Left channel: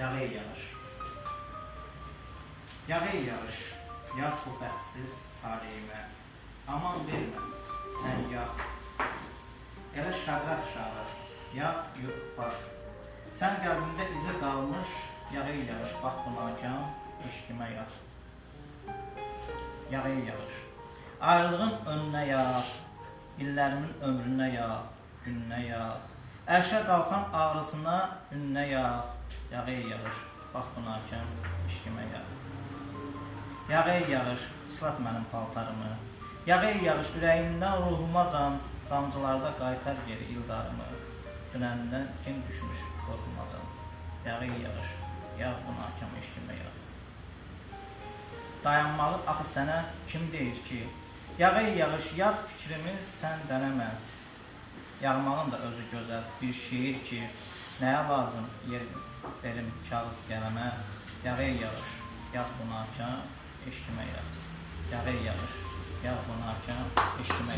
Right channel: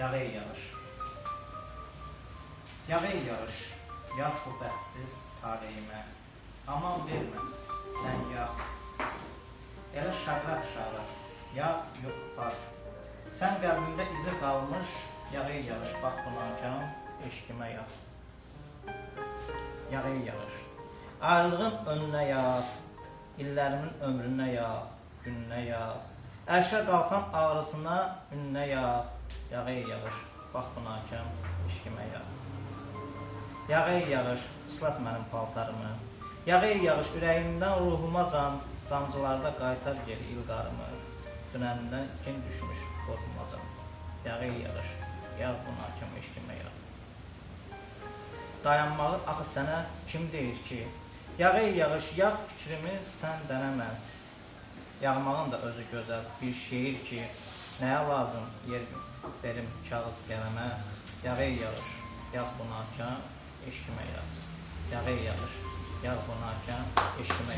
Yağı yağış. Yağı yağış. Yağ bu bətsiz taleyimə. Aman vermə, sən yağ. Elə şarraq, yağ yoxlar. Sən qəlbində izi qalmış, yağı yağış. Bax bu nakam, eşkimə yağ. Yağı yağış. Ayrılığın önünə yağ, illərimin ömrünə yağ, gününə yağ. Ərşə qalxan ağrısına, ününə yağ, yağı yağış. Bax bu nakam, eşkimə yağ. Yağı yağış, ıslat mənim paltarımı. Yağı yağış, ürəyindən ruhuma can, damcılarda qaytar geri ildarımı. Dünəndən kim düşmüş, qorxmacan. Yağı yağış, yağ bu nakam, eşkimə yağ. Dayanmağı axı sənə kim deyir ki? Yağı yağış, yağ fikrimi sən dənəmə. Yağmağın da özü gözəl bir şeir ki, nəyə lazım yer verim kağız qələmə. Yağı yağış, yağ bu nakam, eşkimə yağ. Yağı yağış, yağ bu nakam, eşkimə